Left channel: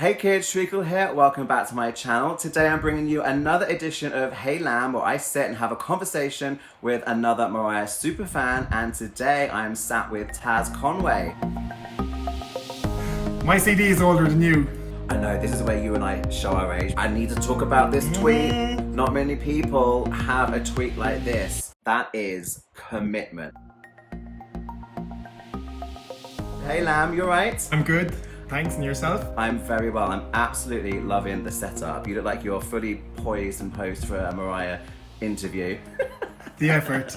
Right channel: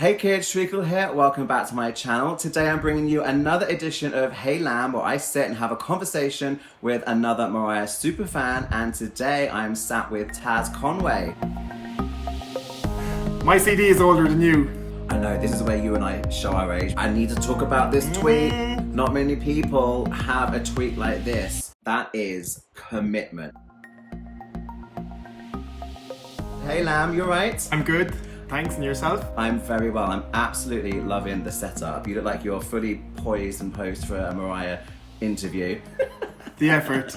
Hey kids, Treacle here, welcome back to my channel. Today I'm bringing you another edition of Hey Lamb, where I sit and have a conversation with another Mariah superfan, and today I'm sat with Taz Conway. My CD is older than you. I know, this is where you and I show our age. I need to talk about this tweet. Not many people have a tweet like this. That is commitment. Hey Lamb, you alright? I'm good. Thanks, and yourself? I'm very well. I'm absolutely loving the setup. You look like you're fully poised and posed for a Mariah interview. The effort.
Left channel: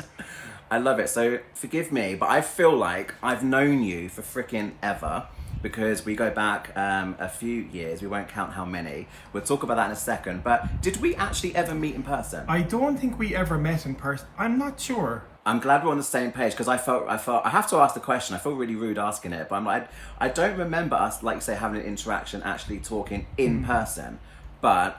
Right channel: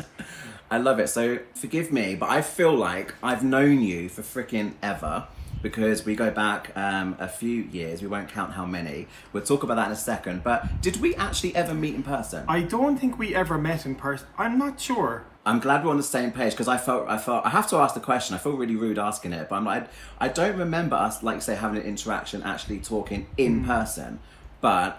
I love it. So forgive me, but I feel like I've known you for freaking ever because we go back a few years. We won't count how many. We'll talk about that in a second. But did we actually ever meet in person? I don't think we ever met in person. I'm not sure. I'm glad we're on the same page because I have to ask the question. I feel really rude asking it, but I'm like, I don't remember us, like say, having an interaction, actually talking in person. But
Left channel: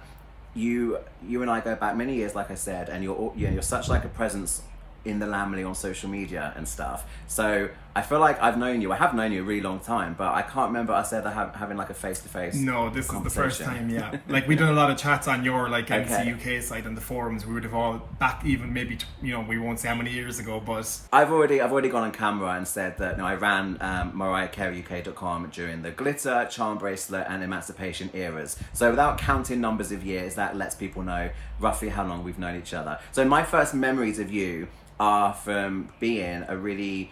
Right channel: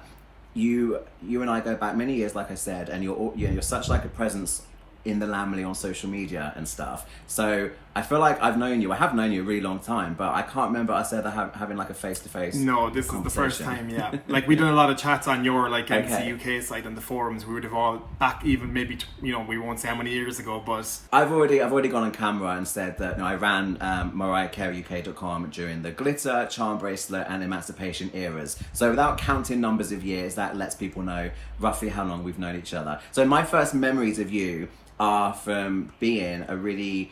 you and I go back many years, like I said, and you're such like a presence in the family on social media and stuff. So I feel like I have known you a really long time, but I can't remember us ever having like a face-to-face No, this is the first time, yeah. Like we did a lot of chats on your like MC UK site and the forums. We would have all back even maybe, we won't say how many years ago, but... I've already gone on camera and said that I ran MariahCareyUK.com during the glitter, charm bracelet and emancipation eras. So without counting numbers of years, that lets people know roughly how long we've known each other. So my first memories of you are from being a really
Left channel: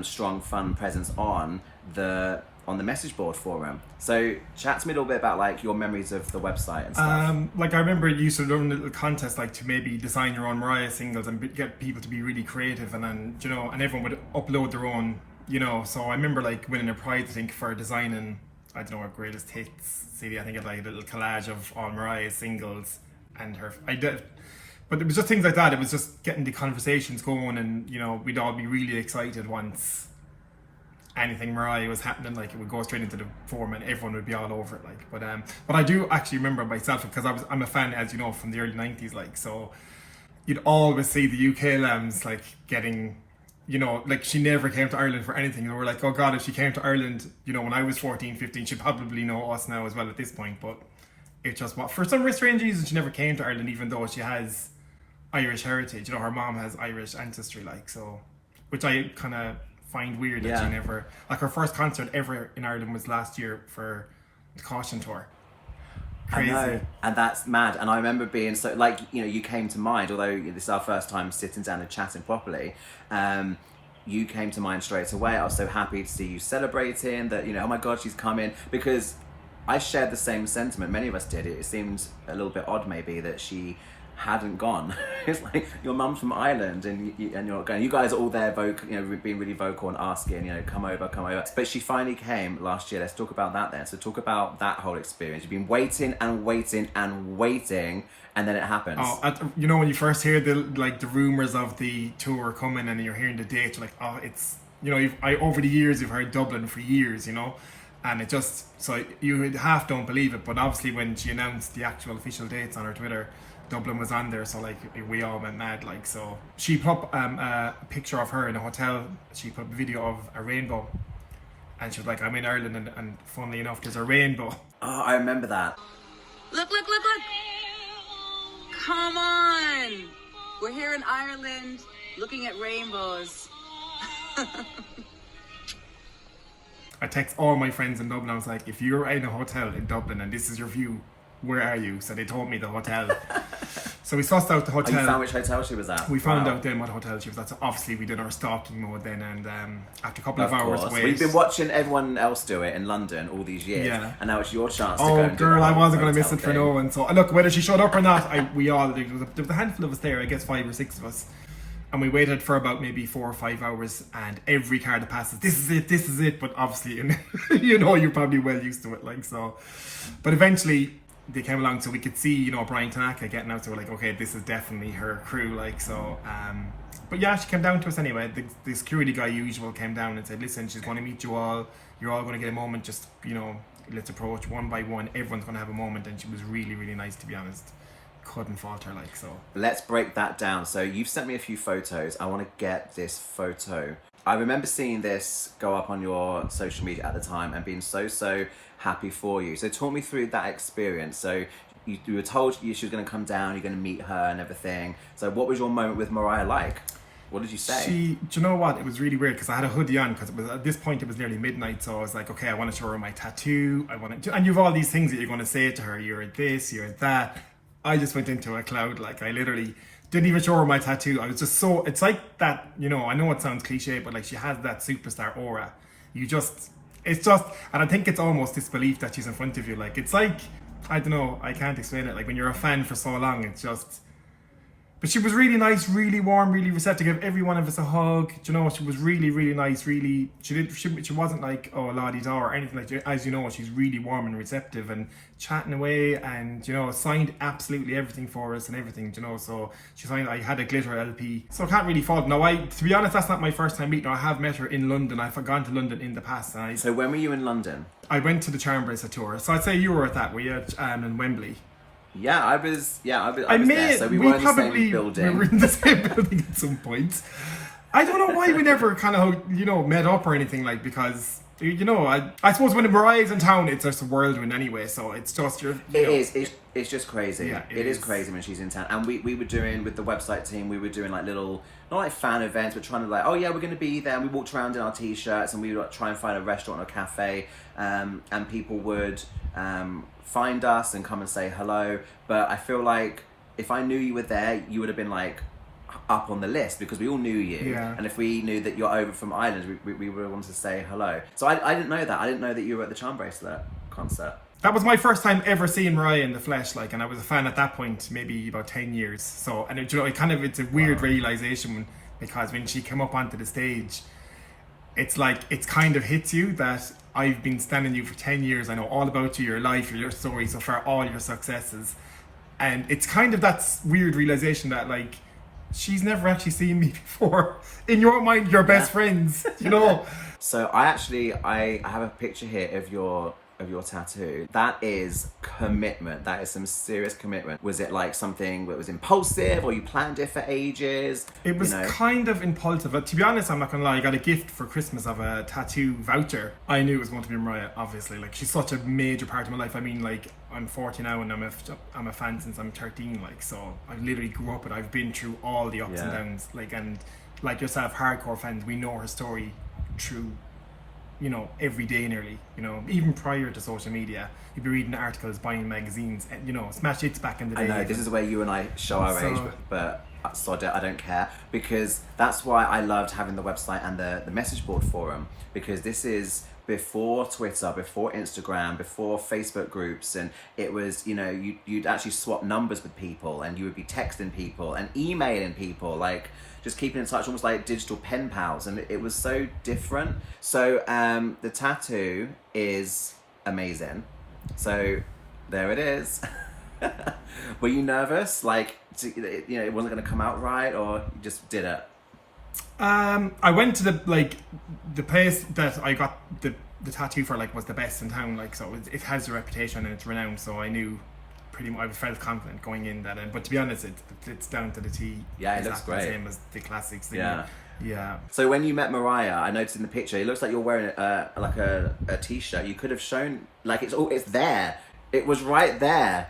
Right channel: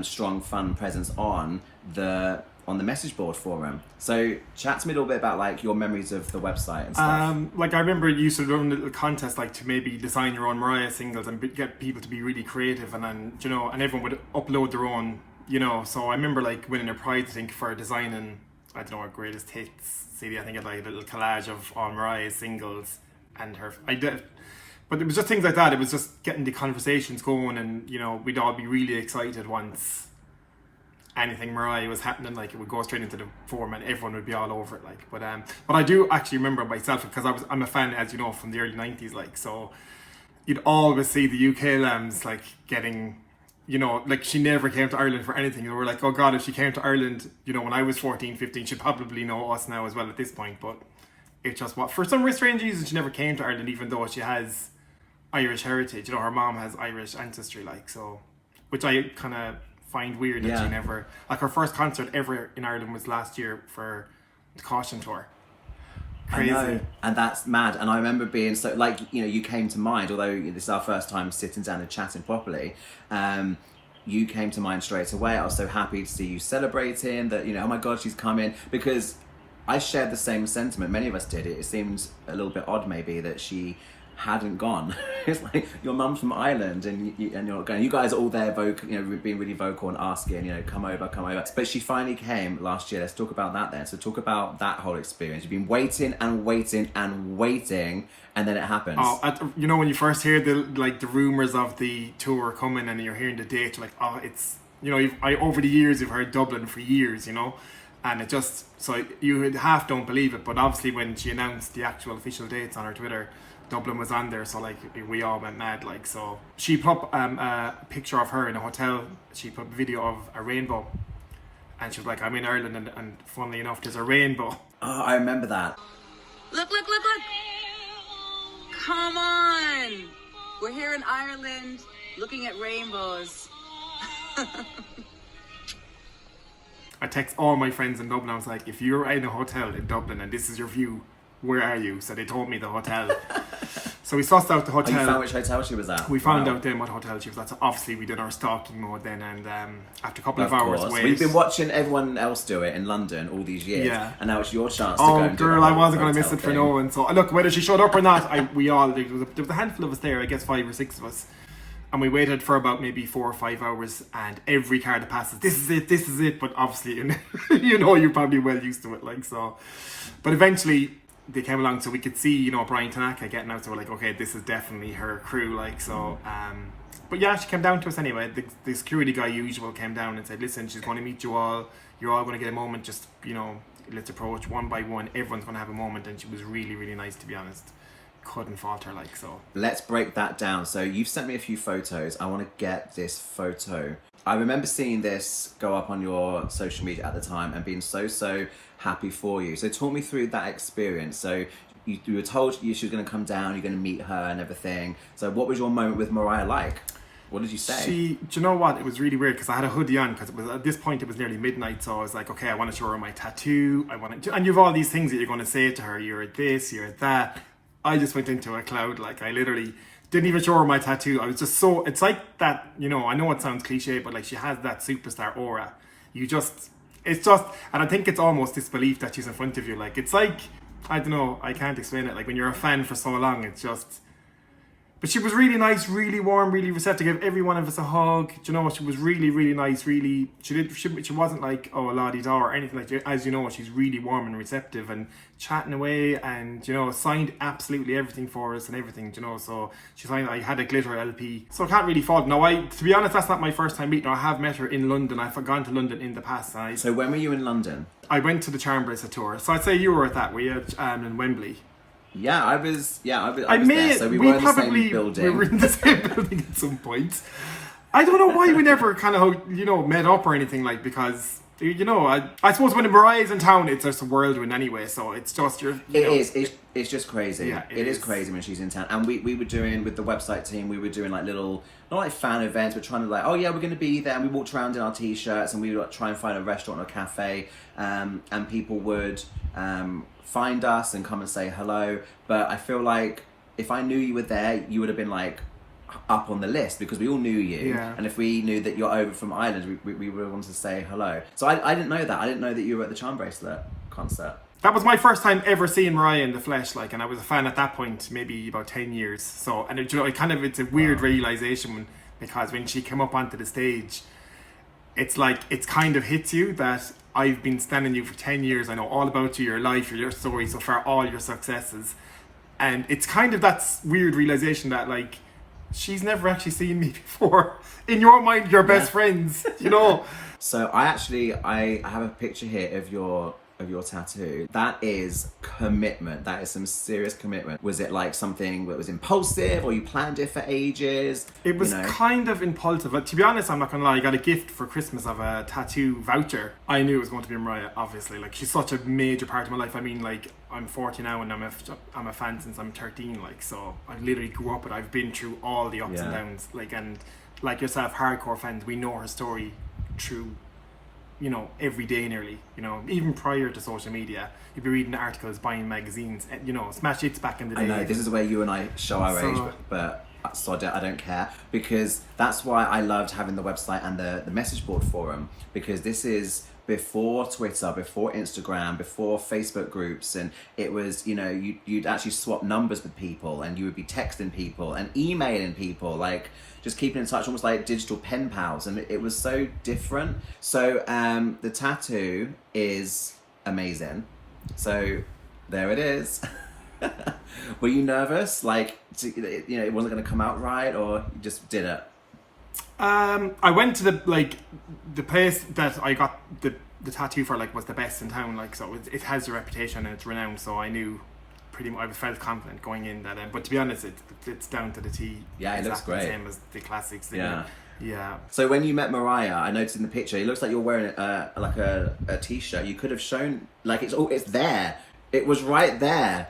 strong, fun presence on the message board forum. So chat to me a little bit about like your memories of the website and stuff. Like I remember you used to run a little contest like to maybe design your own Mariah singles and get people to be really creative, and then and everyone would upload their own, So I remember like winning a prize, I think, for designing, I don't know, a greatest hits CD. I think it like a little collage of all Mariah's singles and her. But it was just things like that. It was just getting the conversations going, and we'd all be really excited once anything Mariah was happening. Like it would go straight into the forum, and everyone would be all over it. Like, but I do actually remember myself because I'm a fan, as you know, from the early '90s. Like, so you'd always see the UK lambs like getting, like she never came to Ireland for anything. And we're like, oh God, if she came to Ireland, when I was 14, 15, she'd probably know us now as well at this point. But it just for some strange reason she never came to Ireland, even though she has Irish heritage. Her mom has Irish ancestry, like, so, which I kind of find weird that she never, like, her first concert ever in Ireland was last year for the Caution Tour. Crazy. I know, and that's mad. And I remember being so, like, you came to mind, although this is our first time sitting down and chatting properly. You came to mind straight away. I was so happy to see you celebrating that, oh my God, she's coming, because I shared the same sentiment. Many of us did. It seemed a little bit odd maybe that she hadn't gone. It's like your mum's from Ireland and you're not going. You guys are all there being really vocal and asking, come over. But she finally came last year. Let's talk about that then. So talk about that whole experience. You've been waiting and waiting and waiting, and then it happens. Oh, when you first hear the rumors of the tour coming and you're hearing the date, you're like, oh, it's, over the years you've heard Dublin for years, and it just, so you half don't believe it. But obviously when she announced the actual official dates on her Twitter, Dublin was on there, so like we all went mad. Like, so she put a picture of her in a hotel. She put a video of a rainbow, and she was like, I'm in Ireland, and funnily enough there's a rainbow. Oh, I remember that. Look. Come on. We're here in Ireland looking at rainbows. I text all my friends in Dublin. I was like, if you're in a hotel in Dublin and this is your view, where are you? So they told me the hotel. So we sussed out the hotel. Oh, you found which hotel she was at? We found out then what hotel she was at. So obviously we did our stalking mode then, and after a couple of hours wait. Well, you've been watching everyone else do it in London all these years, and now it's your chance to go and do girl, I wasn't going to miss it for no one. So look, whether she showed up or not, there was a handful of us there, I guess 5 or 6 of us. And we waited for about maybe 4 or 5 hours, and every car that passes, this is it. But obviously, you're probably well used to it, like, so. But eventually they came along, so we could see, Brian Tanaka getting out. So we're like, okay, this is definitely her crew, like, so. But yeah, she came down to us anyway. The security guy usual came down and said, listen, she's going to meet you all. You're all going to get a moment. Just, let's approach one by one. Everyone's going to have a moment. And she was really, really nice, to be honest. Couldn't fault her, like, so. Let's break that down. So you've sent me a few photos. I want to get this photo I remember seeing this go up on your social media at the time and being so happy for you. So talk me through that experience. So you were told she was going to come down, you're going to meet her and everything. So what was your moment with Mariah like? What did you say? Do you know what? It was really weird because I had a hoodie on because it was at this point it was nearly midnight. So I was like, okay, I want to show her my tattoo. And you've all these things that you're going to say to her. You're this, you're that. I just went into a cloud. Like I literally didn't even show her my tattoo. I was just so, it's like that, you know, I know it sounds cliche, but like she has that superstar aura. It's just, and I think it's almost disbelief that she's in front of you. Like, it's like, I don't know, I can't explain it. Like when you're a fan for so long, it's just, but she was really nice, really warm, really receptive. Gave every one of us a hug. Do you know, she was really, really nice. Really, she wasn't like, oh, a la-di-da or anything like that. As you know, she's really warm and receptive and chatting away, and you know, signed absolutely everything for us and everything. You know, so she signed. I had a glitter LP, so I can't really fault. No, to be honest, that's not my first time meeting her. I have met her in London. I've gone to London in the past. So when were you in London? I went to the Charm Bracelet tour. So I'd say you were at that. We had in Wembley. Yeah, I was there. So we were in the same building. We were in the same building at some point. I don't know why we never kind of, you know, met up or anything, like, because, you know, I suppose when Mariah's in town, it's just a whirlwind anyway, so it's just It's just crazy. Yeah, it is crazy when she's in town. And we were doing, with the website team, we were doing like little, not like fan events, but trying to like, oh yeah, we're going to be there. And we walked around in our t-shirts and we would like, try and find a restaurant or cafe. And people would find us and come and say hello. But I feel like if I knew you were there, you would have been like up on the list because we all knew you. Yeah. And if we knew that you're over from Ireland, we would have wanted to say hello. So I didn't know that. I didn't know that you were at the Charm Bracelet concert. That was my first time ever seeing Mariah in the flesh, like, and I was a fan at that point, maybe about 10 years. So, and it, you know, it's a weird realization because when she came up onto the stage, it's like, it's kind of hits you that I've been standing you for 10 years. I know all about you, your life, your story, so far, all your successes. And it's kind of that weird realization that, like, she's never actually seen me before. In your mind, you're best friends, you know? So I have a picture here of your tattoo. That is commitment. That is some serious commitment. Was it like something that was impulsive, or you planned it for ages? It was kind of impulsive. But to be honest, I'm not gonna lie, I got a gift for Christmas of a tattoo voucher. I knew it was going to be Mariah, obviously. Like, she's such a major part of my life. I mean, like, I'm 40 now and I'm a fan since I'm 13, like, so I literally grew up with, I've been through all the ups and downs, like, and like yourself, hardcore fans, we know her story through, you know, every day nearly, you know, even prior to social media, you'd be reading articles, buying magazines, and, you know, smash hits back in the day. I know, this is where you and I show our age, but sod it, I don't care, because that's why I loved having the website and the message board forum, because this is before Twitter, before Instagram, before Facebook groups, and it was, you know, you'd actually swap numbers with people, and you would be texting people and emailing people, like, just keeping in touch, almost like digital pen pals, and it was so different. So the tattoo is amazing. So there it is. Were you nervous? Like, you know, it wasn't going to come out right, or you just did it? I went to the place that I got the tattoo for, like, was the best in town, like, so it has a reputation and it's renowned, so I knew pretty much, I felt confident going in that end. But to be honest, it's down to the T. Yeah, it looks great. Same as the classics. Yeah. So when you met Mariah, I noticed in the picture, it looks like you're wearing like a t-shirt. You could have shown, like, it's there. It was right there.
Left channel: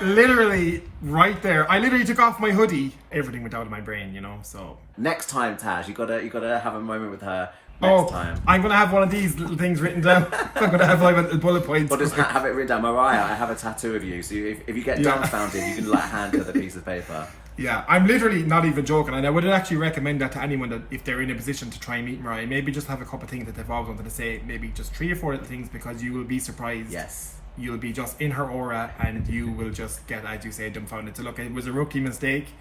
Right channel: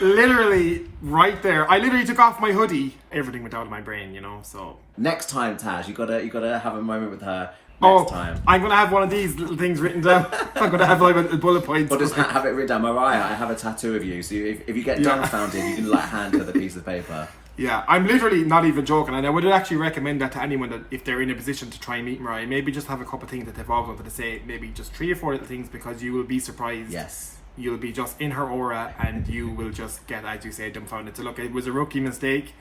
Literally right there. I literally took off my hoodie. Everything went out of my brain, you know. So next time, Taz, you gotta have a moment with her. Next time. I'm gonna have one of these little things written down. I'm gonna have like a bullet points. Or just have it written down. Mariah, I have a tattoo of you. So if you get dumbfounded, you can like hand her the piece of paper. Yeah, I'm literally not even joking, and I would actually recommend that to anyone that if they're in a position to try and meet Mariah, maybe just have a couple of things that they've always wanted to say. Maybe just 3 or 4 little things, because you will be surprised. Yes. You'll be just in her aura, and you will just get, as you say, dumbfounded. So look, it was a rookie mistake.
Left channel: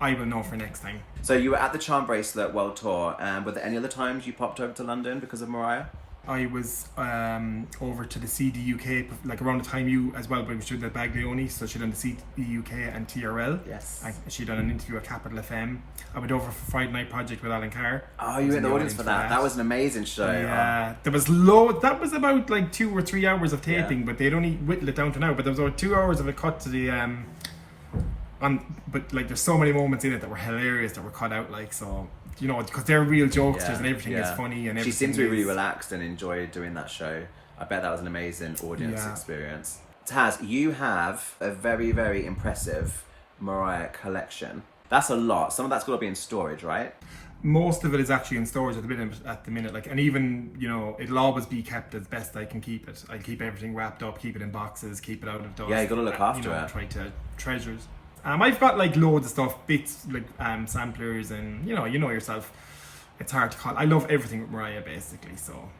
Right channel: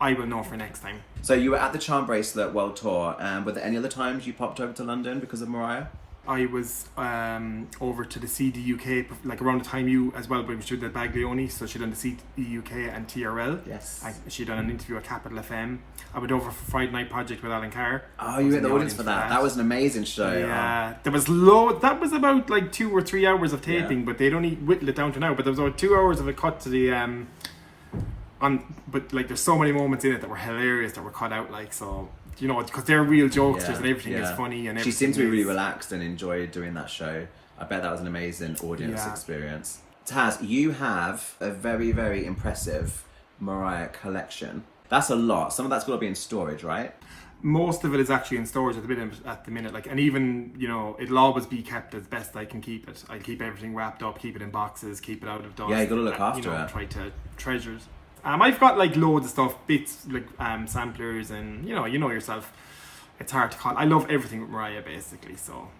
I will know for next time. So you were at the Charm Bracelet World Tour. Were there any other times you popped over to London because of Mariah? I was over to the CD UK, like around the time you as well, but she did the Baglioni, so she done the CD UK and TRL. Yes. She done an interview at Capital FM. I went over for Friday Night Project with Alan Carr. Oh, you were in the audience for that. That was an amazing show. Yeah, there was that was about like 2 or 3 hours of taping, but they'd only whittled it down to now. But there was about 2 hours of a cut to the but like there's so many moments in it that were hilarious that were cut out, like, so you know, because they're real jokesters and everything is funny and everything. She seemed to be really relaxed and enjoyed doing that show. I bet that was an amazing audience Yeah. experience. Taz, you have a very, very impressive Mariah collection. That's a lot. Some of that's got to be in storage, right? Most of it is actually in storage at the minute. Like, and even, you know, it'll always be kept as best I can keep it. I keep everything wrapped up, keep it in boxes, keep it out of dust. Yeah, you got to look after you know, it. Try to treasure it. I've got like loads of stuff, bits like samplers, and you know yourself. It's hard to call. I love everything with Mariah basically. So,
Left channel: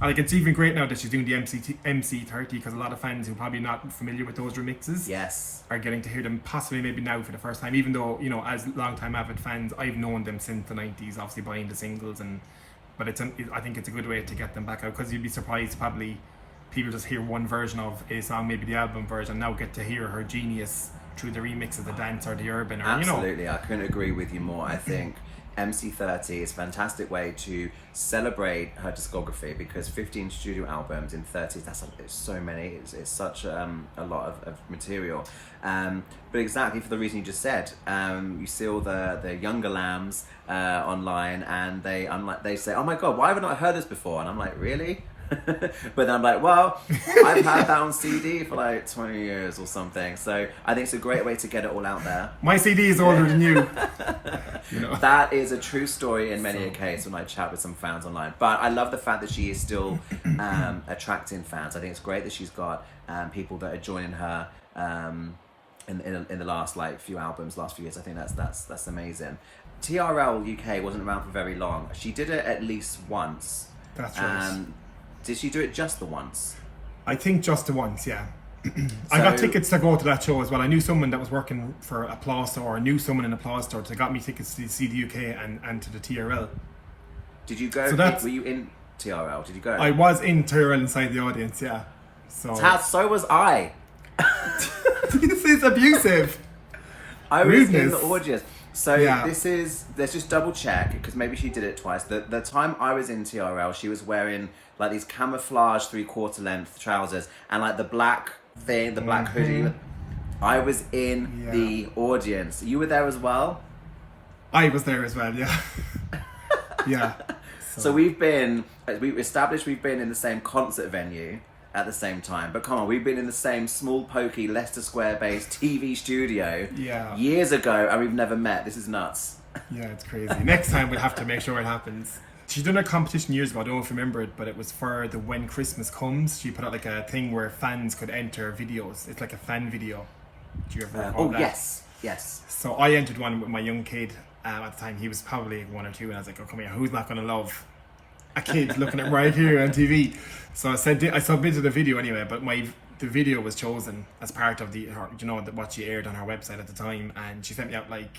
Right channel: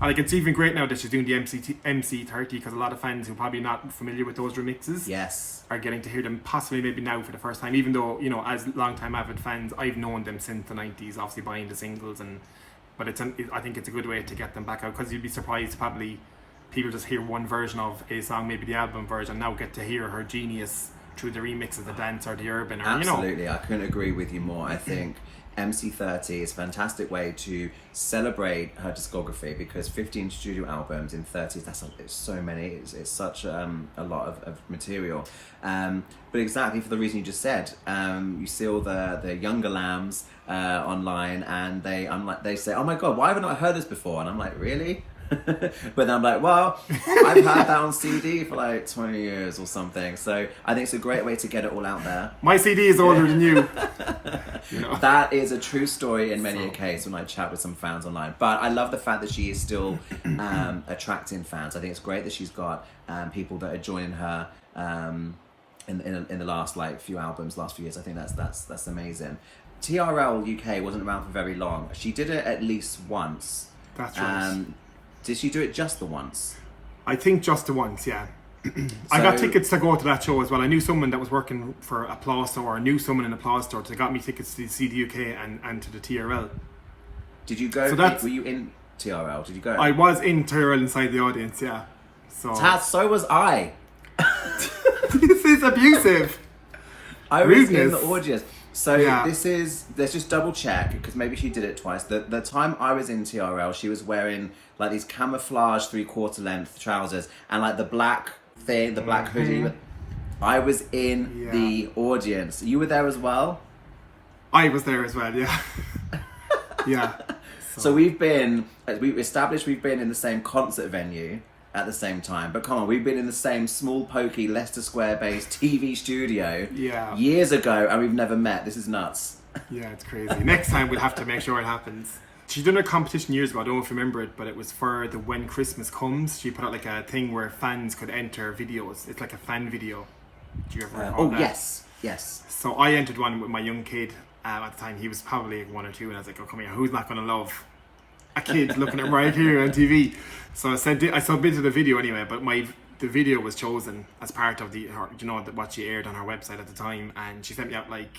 like, it's even great now that she's doing the MC30 because a lot of fans who are probably not familiar with those remixes, Yes. are getting to hear them possibly maybe now for the first time. Even though, you know, as long-time avid fans, I've known them since the 90s, obviously buying the singles, but I think it's a good way to get them back out, because you'd be surprised probably people just hear one version of a song, maybe the album version, now get to hear her genius through the remix of the dance or the urban, or Absolutely, you know. I couldn't agree with you more. I think MC30 is a fantastic way to celebrate her discography, because 15 studio albums in 30, it's so many, it's such a lot of material. But exactly for the reason you just said, you see all the younger lambs online, and they say, oh my god, why have I not heard this before? And I'm like, really? But then I'm like, well, I've had that on CD for like 20 years or something. So I think it's a great way to get it all out there. My CD is older than you. You know. That is a true story in many a case when I chat with some fans online. But I love the fact that she is still attracting fans. I think it's great that she's got people that are joining her in the last like few albums, last few years. I think that's amazing. TRL UK wasn't around for very long. She did it at least once. That's right. Did she do it just the once? I think just the once, yeah. I got tickets to go to that show as well. I knew someone that was working for Applause Store, or knew someone in Applause Store, so they got me tickets to see the UK and to the TRL. Did you go? So were you in TRL? Did you go? I was in TRL inside the audience, yeah. So Taz, so was I. this is abusive. I was in Rudeness. the audience. So Yeah. let's just double check, because maybe she did it twice. The time I was in TRL, she was wearing like these camouflage 3/4 length trousers and like the black thing, the black hoodie. I was in the audience. You were there as well? I was there as well, yeah. Yeah. So we've been in the same concert venue at the same time. But come on, we've been in the same small, pokey, Leicester Square based TV studio years ago, and we've never met. This is nuts. Yeah, it's crazy. Next time we'll have to make sure it happens. She's done a competition years ago, I don't know if you remember it, but it was for the When Christmas Comes. She put out like a thing where fans could enter videos. It's like a fan video. Do you ever recall that? Yes. So I entered one with my young kid at the time. He was probably 1 or 2, and I was like, oh, come here, who's not going to love a kid looking at right here on TV? So I submitted the video anyway, but the video was chosen as part of what she aired on her website at the time, and she sent me out like,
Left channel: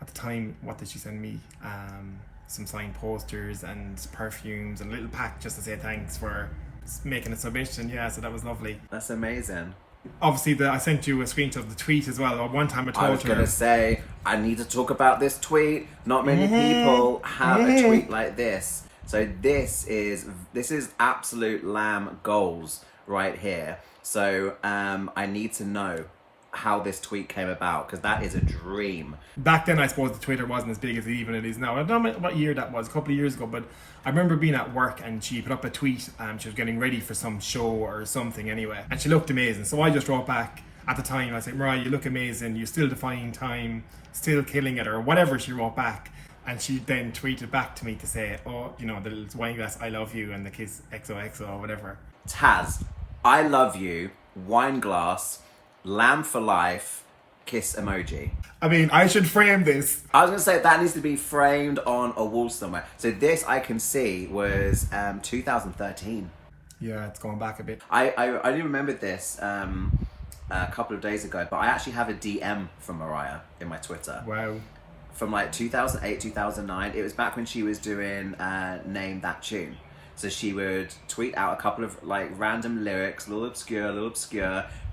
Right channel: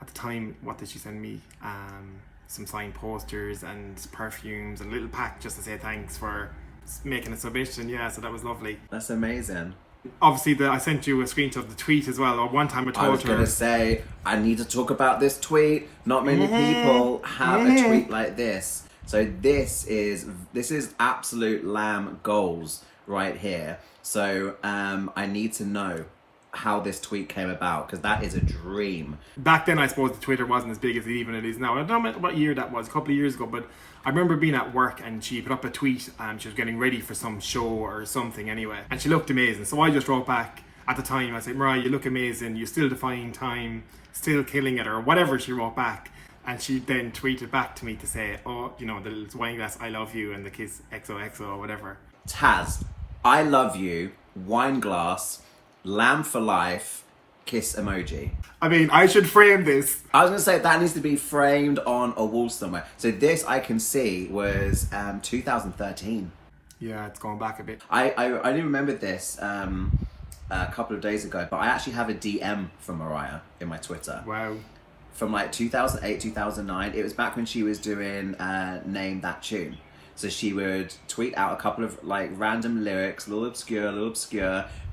at the time, what did she send me? Some signed posters and perfumes and a little pack just to say thanks for making a submission. Yeah, so that was lovely. That's amazing. Obviously, I sent you a screenshot of the tweet as well. Or one time I told her, I was going to say, I need to talk about this tweet. Not many people have a tweet like this. So this is absolute lamb goals right here. So I need to know how this tweet came about, because that is a dream. Back then, I suppose the Twitter wasn't as big as it is now. I don't know what year that was, a couple of years ago, but I remember being at work and she put up a tweet and she was getting ready for some show or something anyway, and she looked amazing. So I just wrote back at the time, I said, Mariah, you look amazing, you're still defying time, still killing it, or whatever she wrote back. And she then tweeted back to me to say, oh, you know, the little wine glass, I love you, and the kiss XOXO or whatever. Taz, I love you, wine glass, lamb for life, kiss emoji. I mean, I should frame this. I was going to say that needs to be framed on a wall somewhere. So this I can see was 2013. Yeah, it's going back a bit. I only remembered this a couple of days ago, but I actually have a DM from Mariah in my Twitter. Wow. From like 2008, 2009. It was back when she was doing Name That Tune. So she would tweet out a couple of like random lyrics, a little obscure,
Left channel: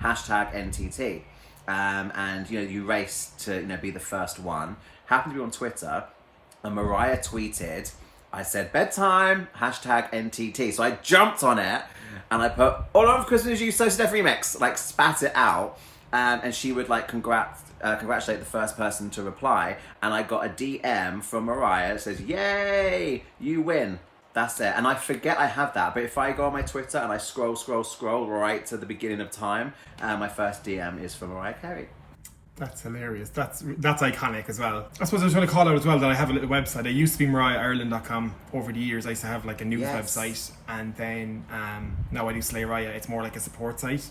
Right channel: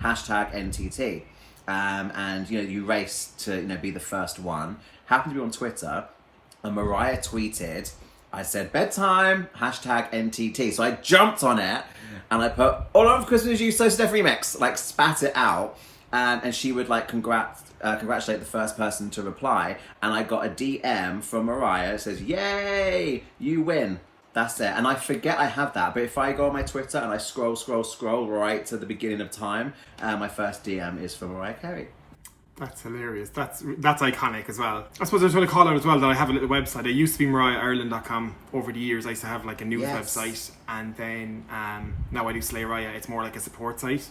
hashtag NTT. And you race to be the first one. Happened to be on Twitter, and Mariah tweeted, I said bedtime, hashtag NTT. So I jumped on it and I put all of Christmas You So Steph remix, like spat it out. And she would like congrats congratulate the first person to reply, and I got a DM from Mariah that says, "Yay, you win." That's it. And I forget I have that, but if I go on my Twitter and I scroll right to the beginning of time, my first DM is from Mariah Carey. That's hilarious. That's iconic as well. I suppose I was going to call out as well that I have a little website. It used to be MariahIreland.com. Over the years I used to have like a news website, and then now I do Slay Raya. It's more like a support site.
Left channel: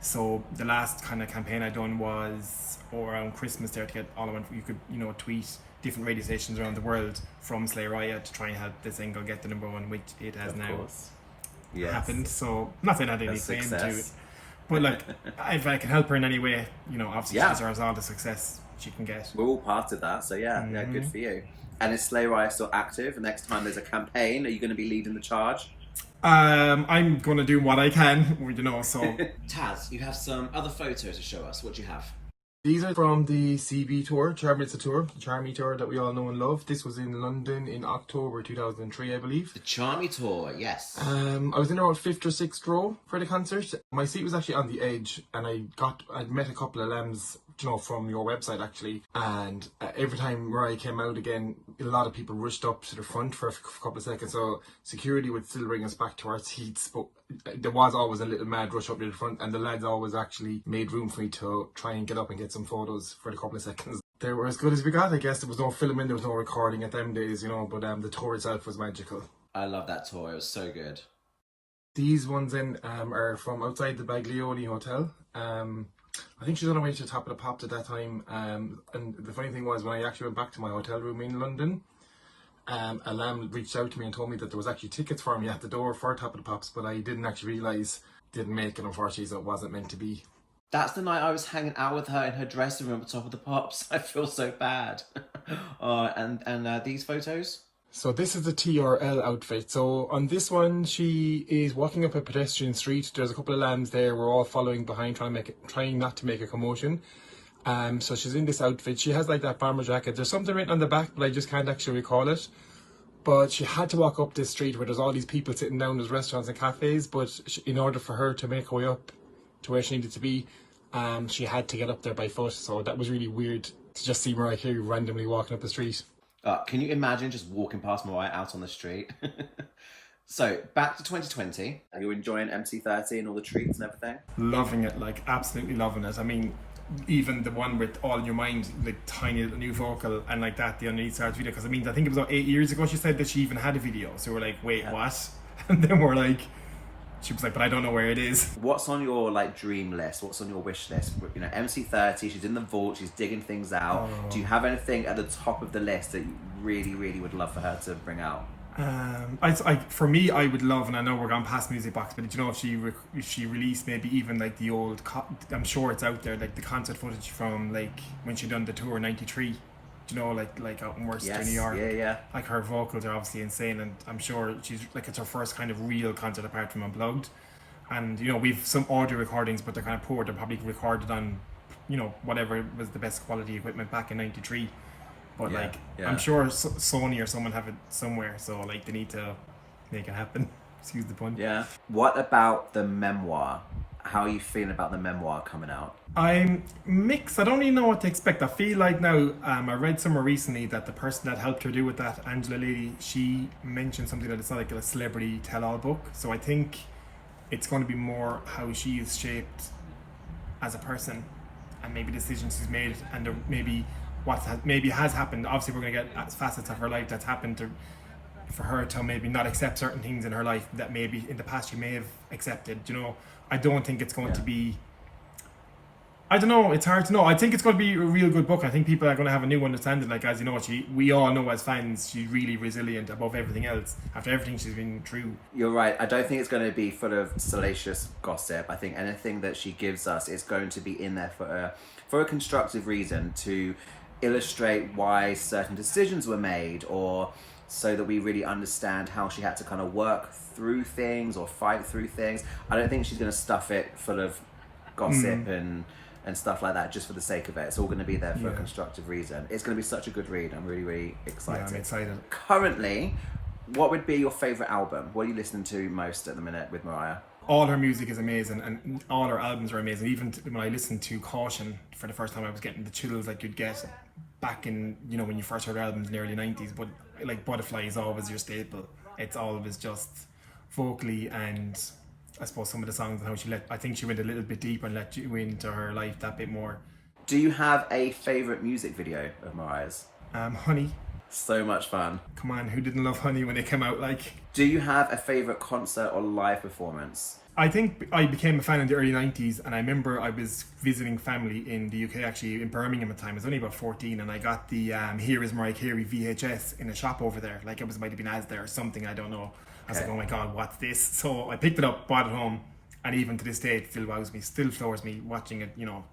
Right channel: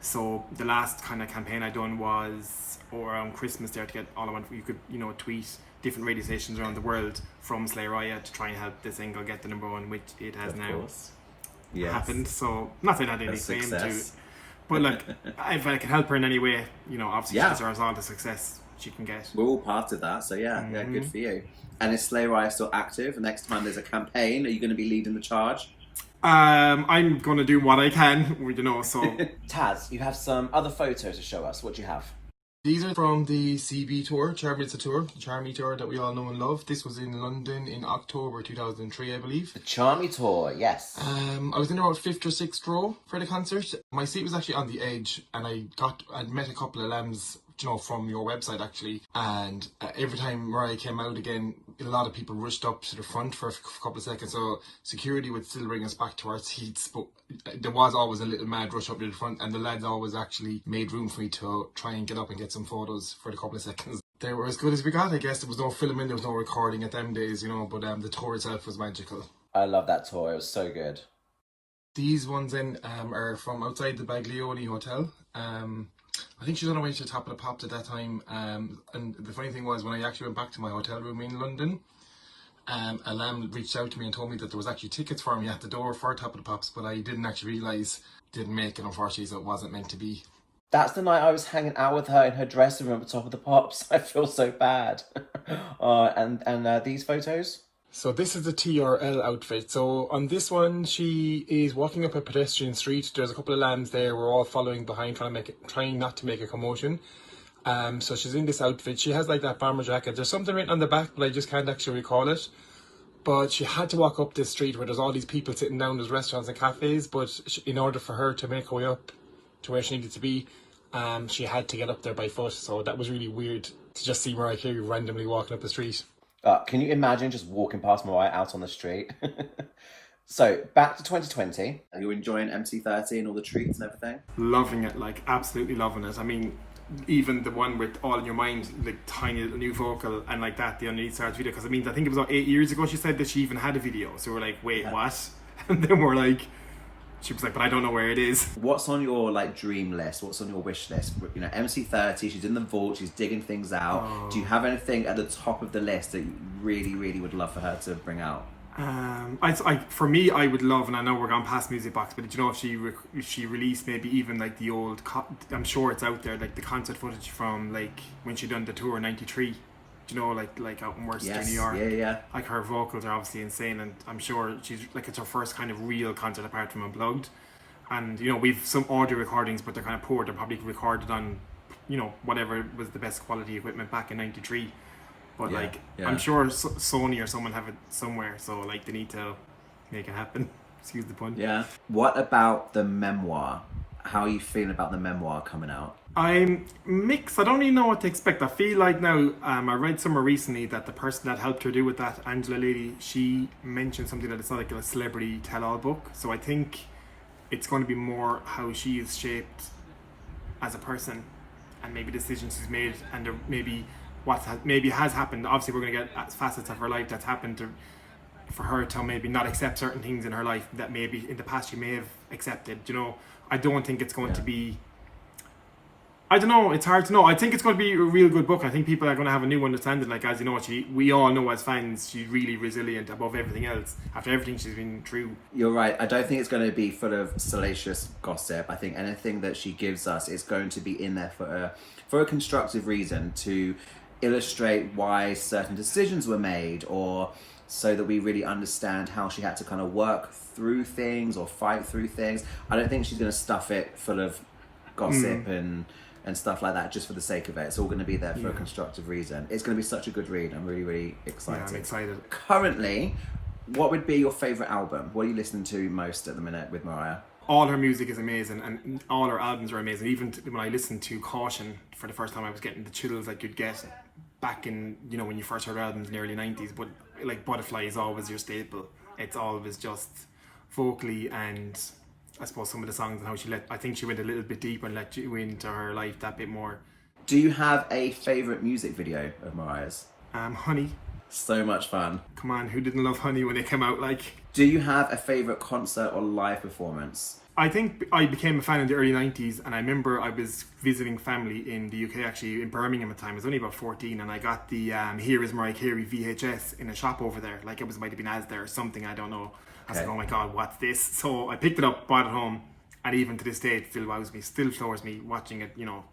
So the last kind of campaign I done was around Christmas there to get all I want. You could, you know, tweet different radio stations around the world from Slay Raya to try and help the single get the number one, which it has now happened. So not saying I had any claim to it, but like if I can help her in any way, you know, obviously she deserves all the success she can get. We're all part of that, so yeah, good for you. And is Slay Raya still active? Next time there's a campaign, are you going to be leading the charge? I'm going to do what I can, you know, so... Taz, you have some other photos to show us. What do you have? These are from the CB tour, Charmy tour, the Charmy tour that we all know and love. This was in London in October 2003, I believe. The Charmy tour, yes. I was in about 5th or 6th row for the concert. My seat was actually on the edge, and I'd met a couple of lambs, you know, from your website actually. And every time Mariah came out again, a lot of people rushed up to the front for a couple of seconds. So security would still bring us back to our seats, but there was always a little mad rush up to the front, and the lads always actually made room for me to try and get up and get some photos for the couple of seconds. They were as good as we got, I guess. There was no filming, there was no recording at them days, you know, but the tour itself was magical. I love that tour, it was so good. These ones then are from outside the Baglioni Hotel. I think she was on her way to the Top of the Pops at that time, and the funny thing was, when I actually went back to my hotel room in London, a lamb reached out to me and told me that there was actually tickets for me at the door for Top of the Pops, but I didn't actually realise, didn't make it unfortunately, so it wasn't meant to be. That's the night I was hanging out with her in her dressing room at Top of the Pops. I feel so bad. And these photos? So this is the TRL outfit. So on this one, she is walking up a pedestrian street. There's a couple of lambs there. We're all following behind, trying not to make a commotion. So she's in this outfit. She has like that bomber jacket. There's something written on the back, but I just can't actually recall it. But she had to walk up this street where there's all these people sitting down. There's restaurants and cafes. But in order for her to make her way up to where she needed to be, she had to get up there by foot. So that was really weird to just see Mariah Carey randomly walking up the street. Can you imagine just walking past Mariah out on the street? So, back to 2020. Are you enjoying MC30 and all the treats and everything? Loving it, like absolutely loving it. I mean, even the one with All in Your Mind, like tiny little new vocal and like that, the Underneath Stars video. Because I mean, I think it was about 8 years ago she said that she even had a video. So we're like, wait, what? And then we're like, she was like, but I don't know where it is. What's on your like dream list? What's on your wish list? You know, MC30, she's in the vault, she's digging things out. Do you have anything at the top of the list that you really, really would love for her to bring out? For me, I would love, and I know we're gone past Music Box, but you know, if she released maybe even like the old, I'm sure it's out there, like the concert footage from like when she done the tour in '93. You know, like out in Worcester, New York. Yeah. Like her vocals are obviously insane, and I'm sure she's like, it's her first kind of real concert apart from Unplugged. And you know, we've some audio recordings, but they're kind of poor. They're probably recorded on, you know, whatever was the best quality equipment back in '93. But I'm sure Sony or someone have it somewhere, so like they need to make it happen. Excuse the pun. Yeah. What about the memoir? How are you feeling about the memoir coming out? I'm mixed. I don't really know what to expect. I feel like now, I read somewhere recently that the person that helped her do with that, Angela lady, she mentioned something that it's not like a celebrity tell-all book. So I think it's going to be more how she is shaped as a person, and maybe decisions she's made, and maybe what has happened. Obviously, we're going to get facets of her life that's happened for her to maybe not accept certain things in her life that maybe in the past she may have accepted. You know, I don't think it's going to be, I don't know, it's hard to know. I think it's going to be a real good book. I think people are going to have a new understanding. Like, as you know, we all know as fans, she's really resilient above everything else after everything she's been through. You're right. I don't think it's going to be full of salacious gossip. I think anything that she gives us is going to be in there for a constructive reason, to illustrate why certain decisions were made, or so that we really understand how she had to kind of work through things or fight through things. I don't think she's going to stuff it full of gossip and stuff like that just for the sake of it. It's all going to be there for a constructive reason. It's going to be such a good read. I'm really, really excited. Yeah, I'm excited. Currently, what would be your favourite album? What are you listening to most at the minute with Mariah? all her music is amazing, and all her albums are amazing. Even when I listened to Caution for the first time, I was getting the chills like you'd get back in, you know, when you first heard albums in the early 90s. But like Butterfly is always your staple. It's always just vocally, and I suppose some of the songs and how I think she went a little bit deeper and let you into her life that bit more. Do you have a favourite music video of Mariah's? Honey. So much fun. Come on, who didn't love Honey when it came out? Like, Do you have a favourite concert or live performance? I think I became a fan in the early 90s, and I remember I was visiting family in the UK, actually in Birmingham at the time. I was only about 14, and I got the Here Is Mariah Carey VHS in a shop over there. Like, it might have been Asda or something, I don't know. I was like, oh my god, what's this? So I picked it up, brought it home, and even to this day it still wows me, still floors me watching it, you know,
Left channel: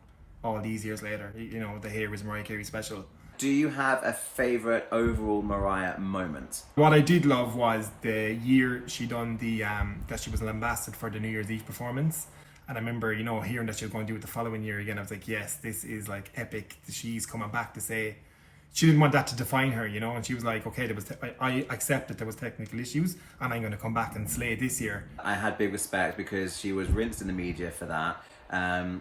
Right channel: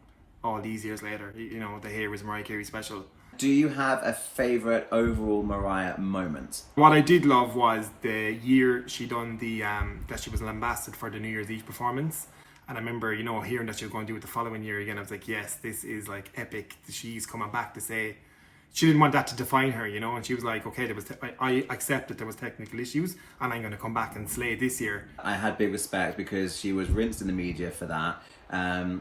all these years later. You know, the Here Is Mariah Carey special. Do you have a favourite overall Mariah moment? What I did love was the year she done the that she was lambasted for the New Year's Eve performance, and I remember, you know, hearing that she was going to do it the following year again. I was like, yes, this is like epic. She's coming back to say she didn't want that to define her, you know, and she was like, okay, I accept that there was technical issues, and I'm going to come back and slay this year. I had big respect because she was rinsed in the media for that.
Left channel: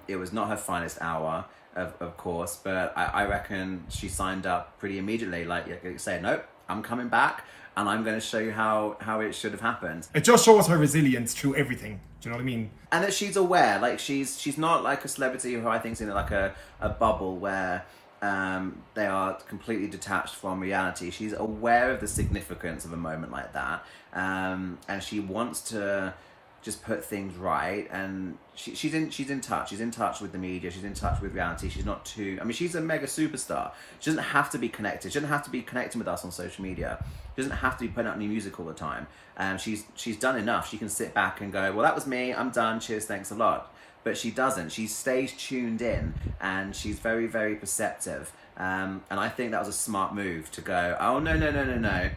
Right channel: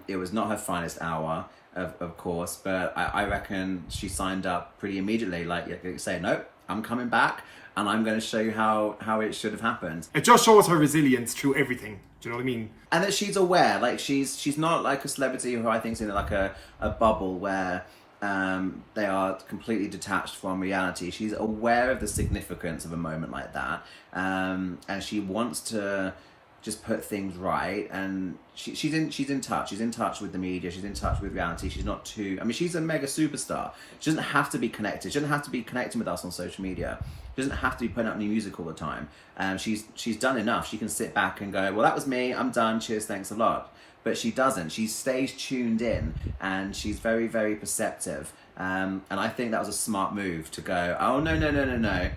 It was not her finest hour, of course, but I reckon she signed up pretty immediately, like say, nope, I'm coming back and I'm going to show you how it should have happened. It just shows her resilience through everything. Do you know what I mean? And that she's aware, like she's not like a celebrity who I think's in like a bubble where they are completely detached from reality. She's aware of the significance of a moment like that, and she wants to just put things right, and she's in touch with the media, she's in touch with reality. She's not too, I mean, she's a mega superstar. She doesn't have to be connected, she doesn't have to be connecting with us on social media, she doesn't have to be putting out new music all the time. She's done enough. She can sit back and go, well, that was me, I'm done, cheers, thanks a lot. But she doesn't. She stays tuned in, and she's very, very perceptive, and I think that was a smart move to go, oh no,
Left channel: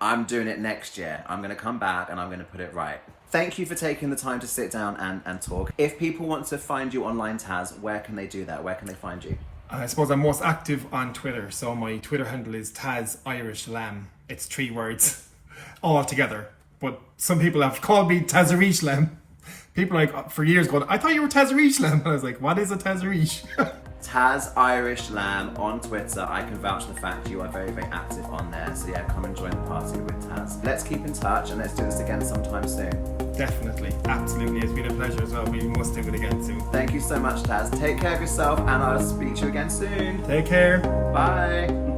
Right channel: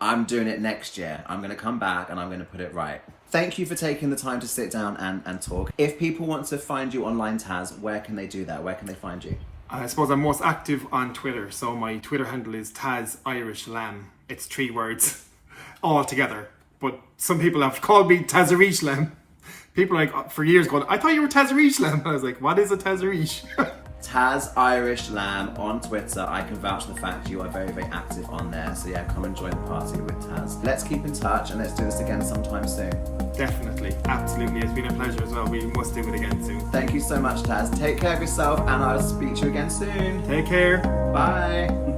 I'm doing it next year, I'm going to come back and I'm going to put it right. Thank you for taking the time to sit down and talk. If people want to find you online, Taz, where can they do that? Where can they find you? I suppose I'm most active on Twitter, so my Twitter handle is Taz Irish Lamb. It's 3 words all together, but some people have called me Tazarish Lamb. People like for years going, I thought you were Tazarish Lamb. I was like, what is a Tazarish? Taz Irish Lamb on Twitter. I can vouch for the fact you are very, very active on there. So yeah, come and join the party with Taz. Let's keep in touch and let's do this again sometime soon. Definitely, absolutely. It's been a pleasure as well. We must do it again soon. Thank you so much, Taz. Take care of yourself and I'll speak to you again soon. Take care. Bye.